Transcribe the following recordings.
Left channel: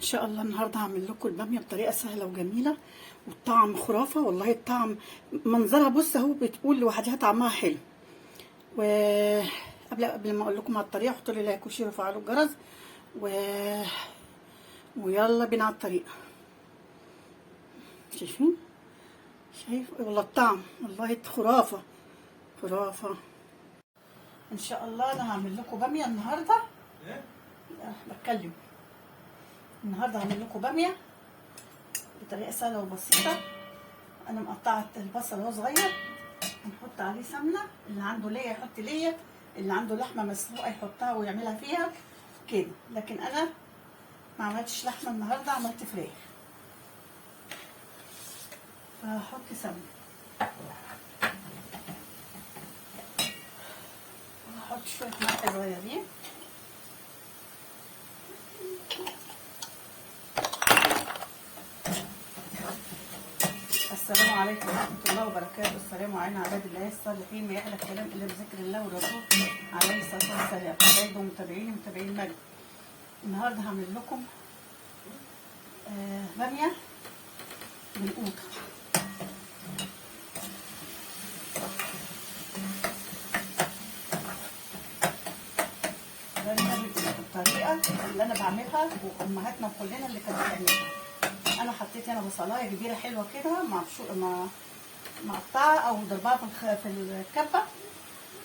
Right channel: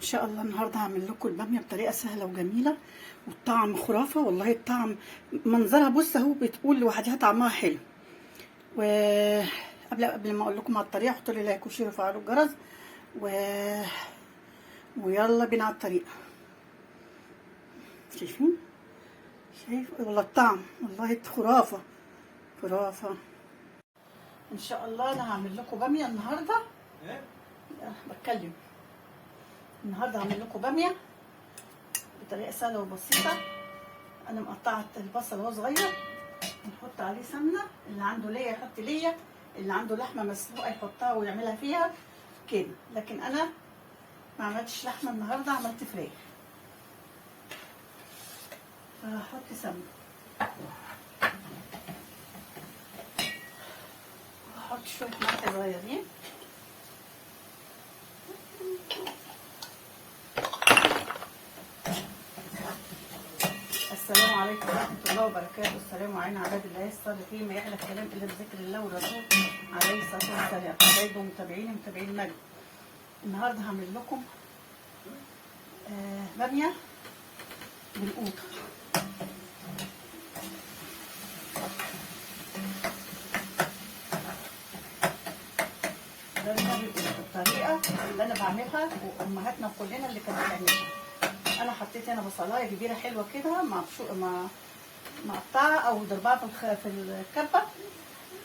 ان شاء الله النهارده هعمل لكم الباميه بطريقه سهله وجميله والطعم خرافه. والله الطعم منظرها بص اهو بتقول لوحدها طعمها حلو. وقبل ما اقول لكم على الطريقه حطوا لي لايك وشير وفعلوا الجرس ويلا بينا على الطريقه. شايفين؟ شايف والله الطعم والله خرافه خرافه. ان شاء الله انا هعمل لكم باميه النهارده. بتكلم النهارده هعمل لكم باميه بطريقه سهله وبسيطه. انا مقطعه البصل اهو صغير، نحط عليه سمنه، اللي عنده ليا يحط ليا، اللي عنده لحمه مسلوقه يحطها ويعملها فيها كده. لكن انا ما عملتش لحمه النهارده، عملت فراخ، فهحط سمنه وهحط شويه ملح صغيرين. السلام عليكم ورحمة الله وبركاته. السلام علينا عباد الله الصالحين، ما يحلى الكلام إلا بذكر الله والرسول عليه الصلاة والسلام. حبايبي ومتابعيني متابعين المجد، النهارده هعمل لكم بامية بالقوطة. بامية بالطريقة اللي أنا بعملها وأمهاتنا كلنا اللي كانت بتعملها. انا حطيت هنا بصلايه كبيره حلوه كده مقطعه او ضربها في الكبه،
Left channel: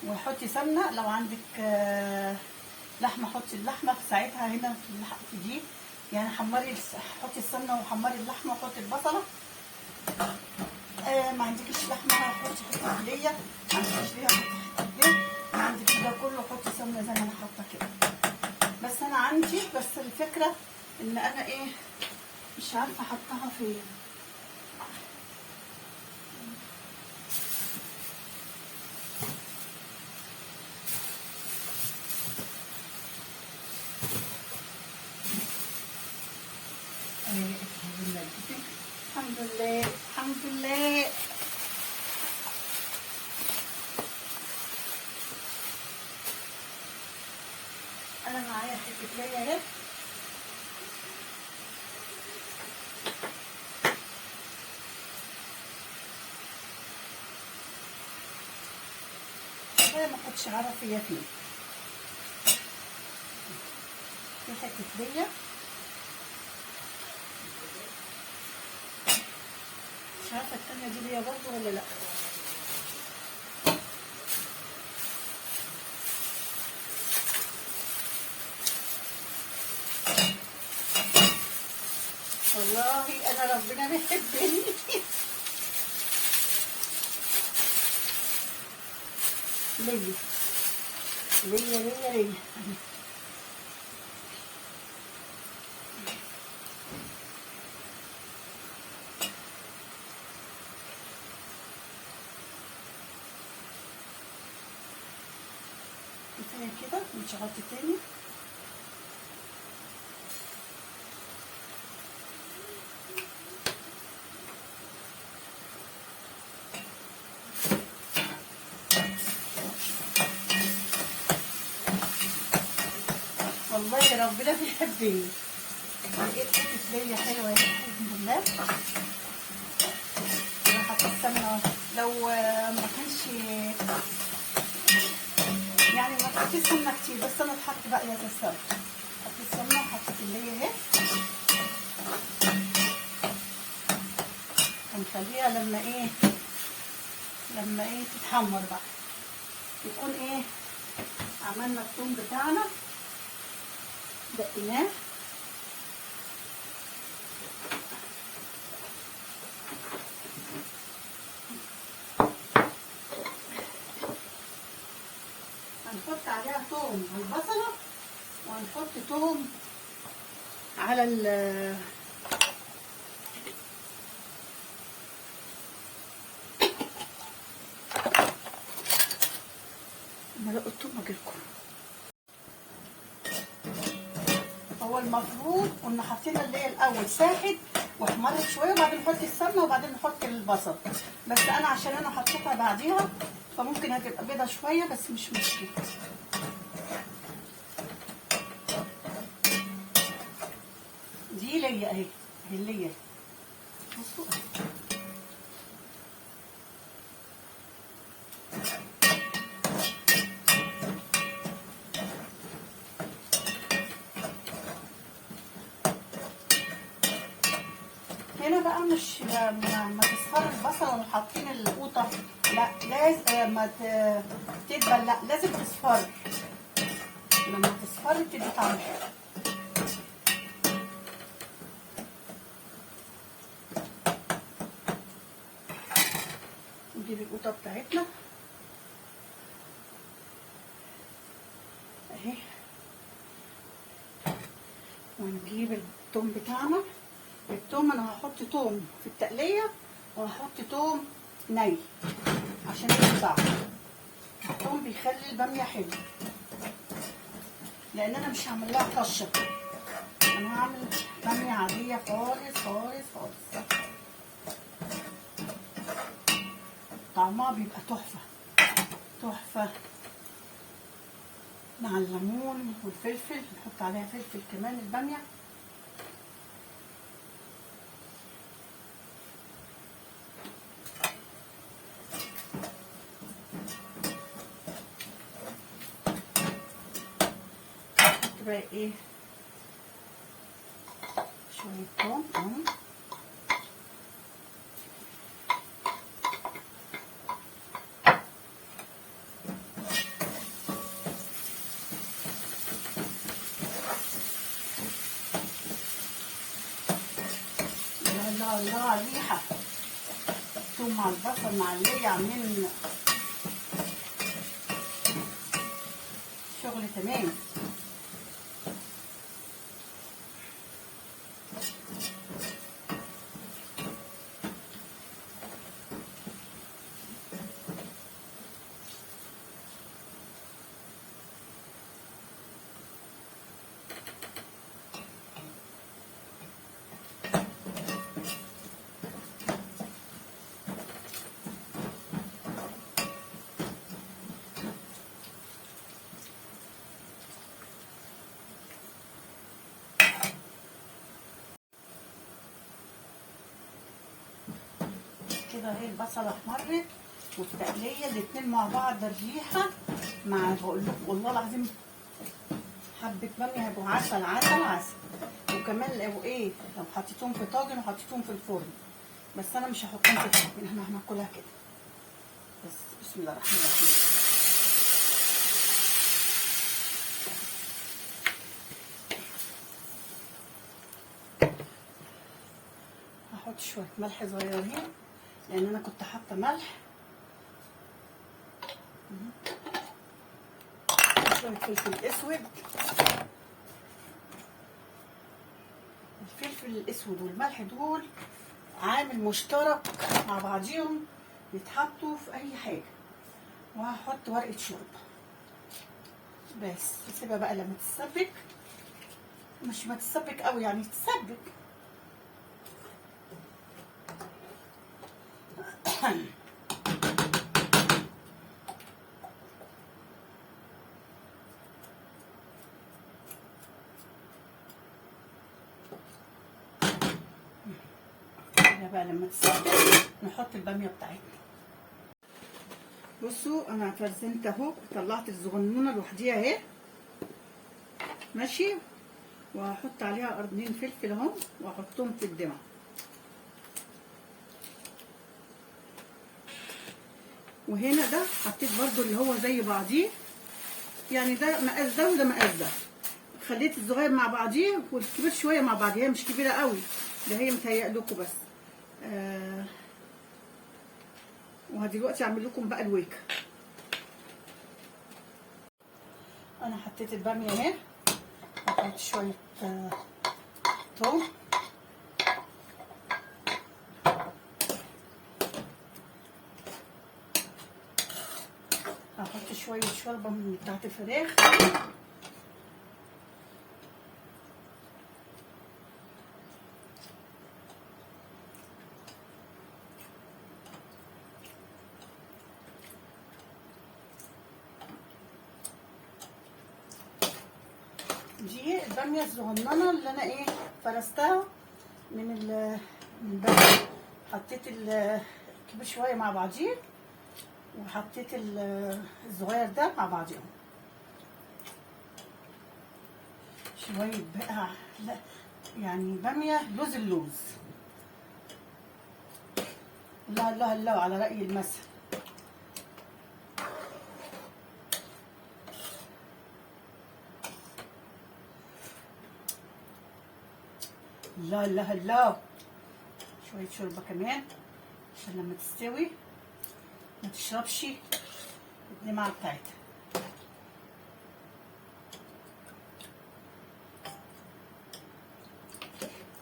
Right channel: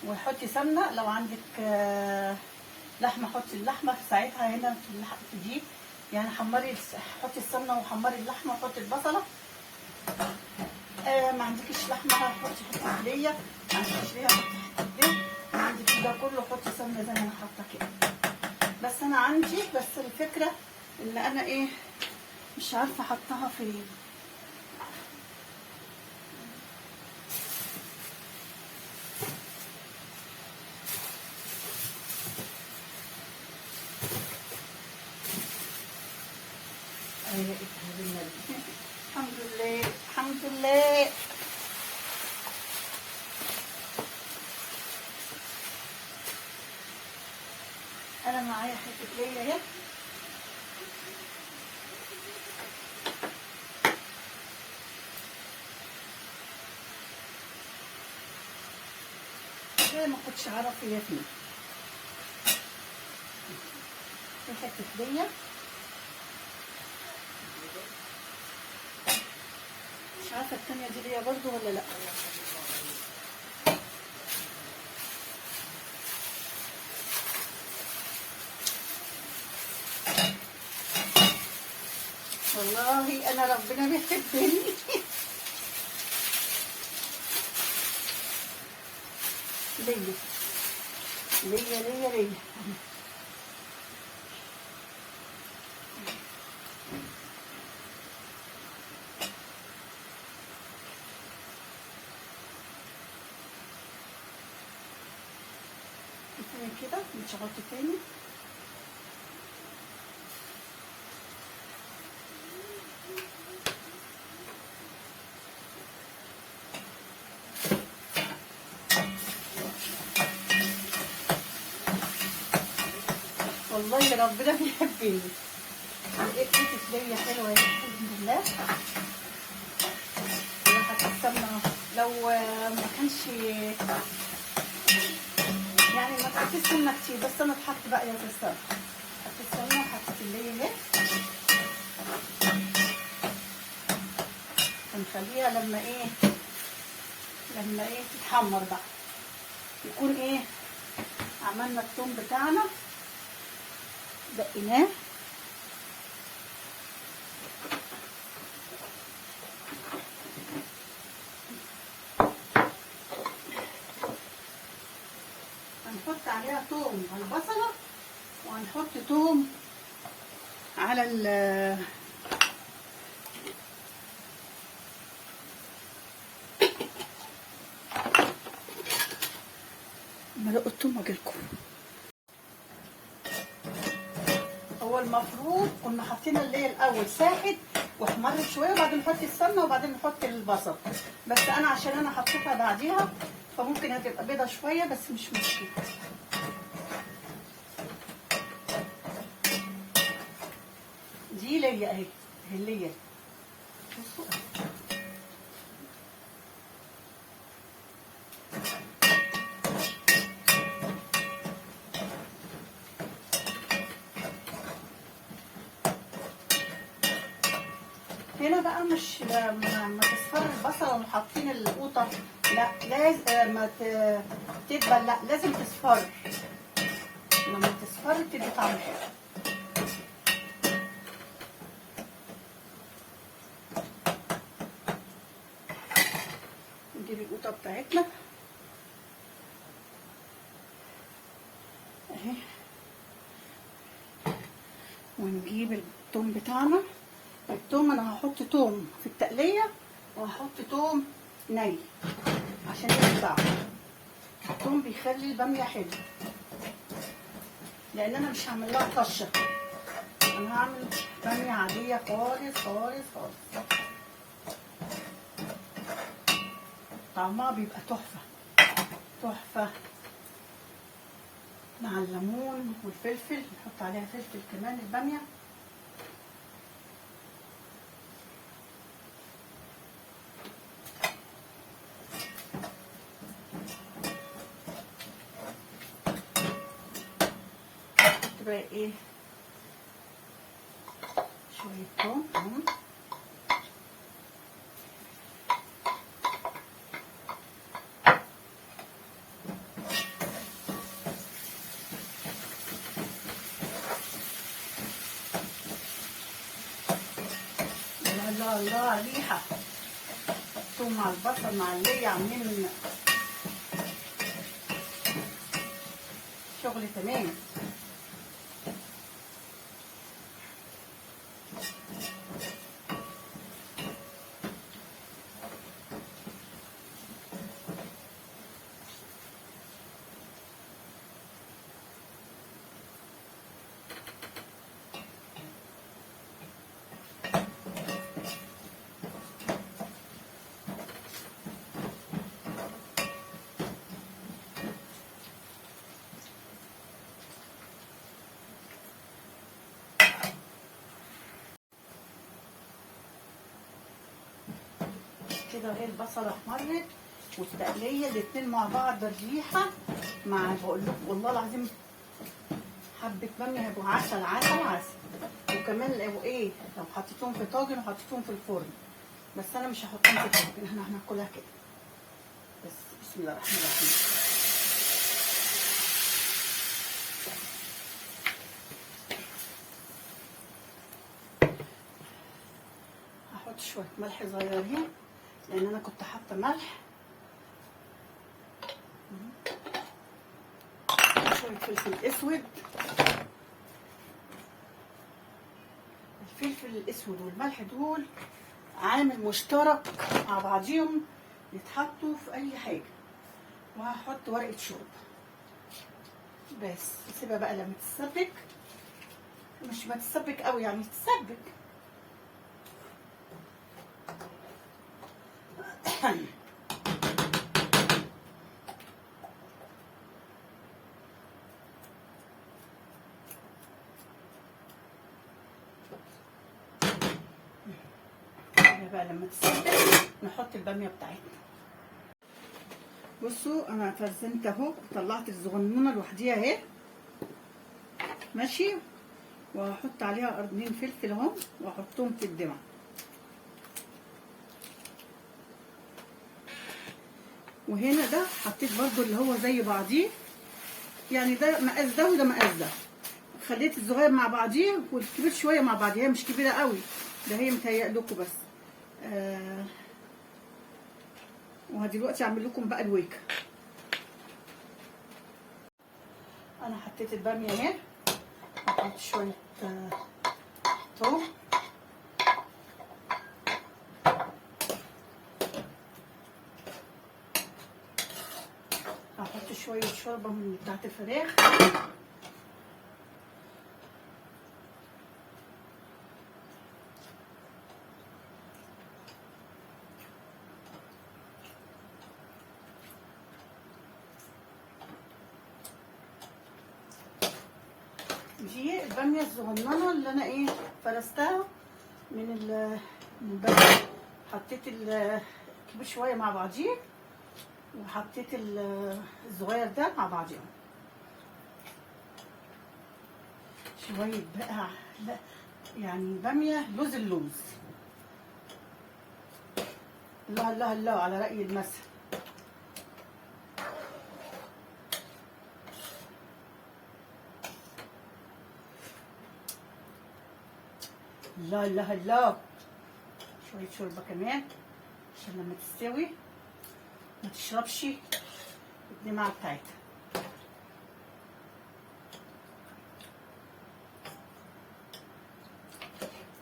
وحطي سمنه. لو عندك لحمه حطي اللحمه في ساعتها هنا في دي، يعني حمري، حطي السمنه وحمري اللحمه وحطي البصله. ما عندكش لحمه حطي ليا، ما عندكش ليا حطي، ما عندك ده كله حطي سمنه زي ما انا حاطه كده. بس انا عندي، بس الفكره ان انا ايه مش عارفه احطها فين. الحمد لله الحمد لله. انا معايا حته ليا اهي، ما كنتش عارف هي فين. في حته ليا مش عارفه التانيه دي ليا برضو ولا لا. والله انا ربنا بيحبني. ليا ليا ليا ليا كده. مش هحط تاني. والله ربنا بيحبني. لقيت حته ليا حلوه الحمد لله. حطيت السمنه، لو ما كانش يعني ما حطيتش سمنه كتير، بس انا اتحط بقى يا السمنه. حطيت سمنه وحطيت الليا اهي، هنخليها لما ايه تتحمر بقى، يكون ايه عملنا الثوم بتاعنا دقيناه. هنحط عليها ثوم على البصله، وهنحط ثوم على مرق الثوم واجيلكم. هو المفروض كنا حاطين اللي الاول ساحت واحمرت شويه، وبعدين نحط السمنه وبعدين نحط البصل. بس انا عشان انا حطيتها بعديها فممكن هتبقى بيضه شويه، بس مش مشكله. دي ليا اهي، اهي ليا. بصوا اهي. هنا بقى مش ما تصفر البصل وحاطين القوطه، لا لازم ما تدبل، لا لازم تصفر. لما تصفر تدي طعم حلو. نجيب القوطه بتاعتنا اهي، ونجيب الثوم بتاعنا. الثوم انا هحط ثوم في التقليه وهحط ثوم ني عشان يطلع. الثوم بيخلي الباميه حلو، لان انا مش هعمل لها طشه، انا هعمل باميه عاديه خالص خالص خالص. طعمها بيبقى تحفه تحفه مع الليمون والفلفل. نحط عليها فلفل كمان الباميه. بقى ايه شويه ثوم الله الله ريحه. ثوم مع البصل مع اللي عاملين شغل تمام. كده اهي البصله احمرت والتقليه الاتنين مع بعض. الريحه مع بقول لكم والله العظيم حبه باميه هيبقوا عسل عسل عسل. وكمان لو ايه لو حطيتهم في طاجن وحطيتهم في الفرن، بس انا مش هحطهم في الطاجن، احنا هناكلها كده بس. بسم الله الرحمن الرحيم. هحط شويه ملح صغيرين لان انا كنت حاطه ملح. شويه فلفل اسود. الفلفل الاسود والملح دول عامل مشترك مع بعضيهم، يتحطوا في اي حاجه. وهحط ورقه شوربه بس. اسيبها بقى لما تتسبك، مش ما تتسبك قوي يعني تتسبك. بقى لما تتسبك نحط الباميه بتاعتنا. بصوا انا فرزنت اهو، طلعت الصغنونه لوحديها اهي ماشي، وهحط عليها قرنين فلفل اهو واحطهم في الدمعه. وهنا ده حطيت برضو اللي هو زي بعضيه، يعني ده مقاس ده وده مقاس ده. خليت الصغير مع بعضيه والكبير شويه مع بعضيه، هي مش كبيره قوي، ده هي متهيأ لكم بس. وهدلوقتي اعمل لكم بقى الويكه. انا حطيت الباميه اهي، هحط شويه توم، هحط شويه شوربه من بتاعت الفراخ، دي الباميه الصغننه اللي انا ايه فرستها من بره. حطيت الكبير شويه مع بعضيه، وحطيت الصغير ده مع بعضيهم. شويه بقى، لا يعني باميه لوز اللوز. الله الله الله على رأي المثل. الله الله الله. شوية شوربة كمان عشان لما تستوي ما تشربش الدمعة بتاعتها.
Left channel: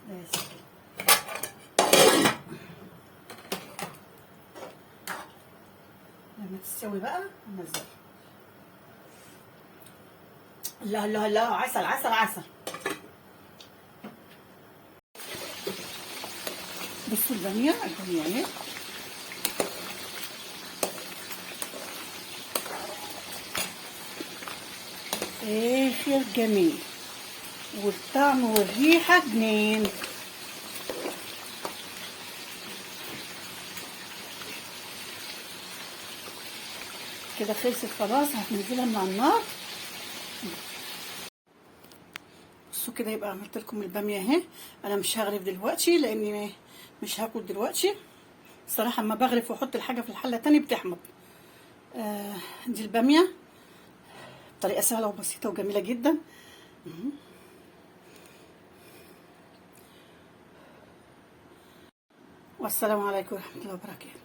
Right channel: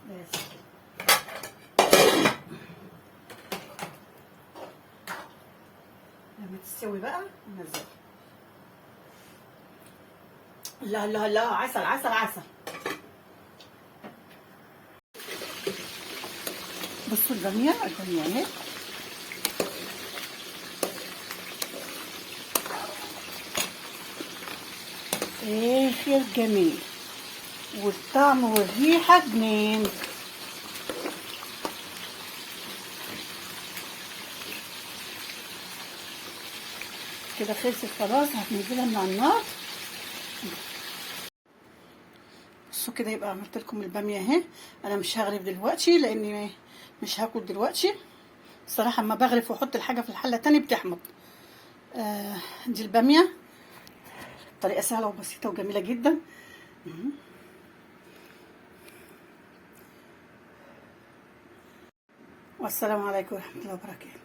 بس لما تستوي بقى ننزلها. الله الله الله، عسل عسل عسل. بصوا البامية اهي. اخر جميل، والطعم والريحة جنين. كده خلصت خلاص، هننزلها من على النار. بصوا كده، يبقى عملت لكم الباميه اهي. انا مش هغرف دلوقتي لاني مش هاكل دلوقتي الصراحه. اما بغرف واحط الحاجه في الحله تاني بتحمض. دي الباميه، طريقه سهله وبسيطه وجميله جدا. والسلام عليكم ورحمه الله وبركاته.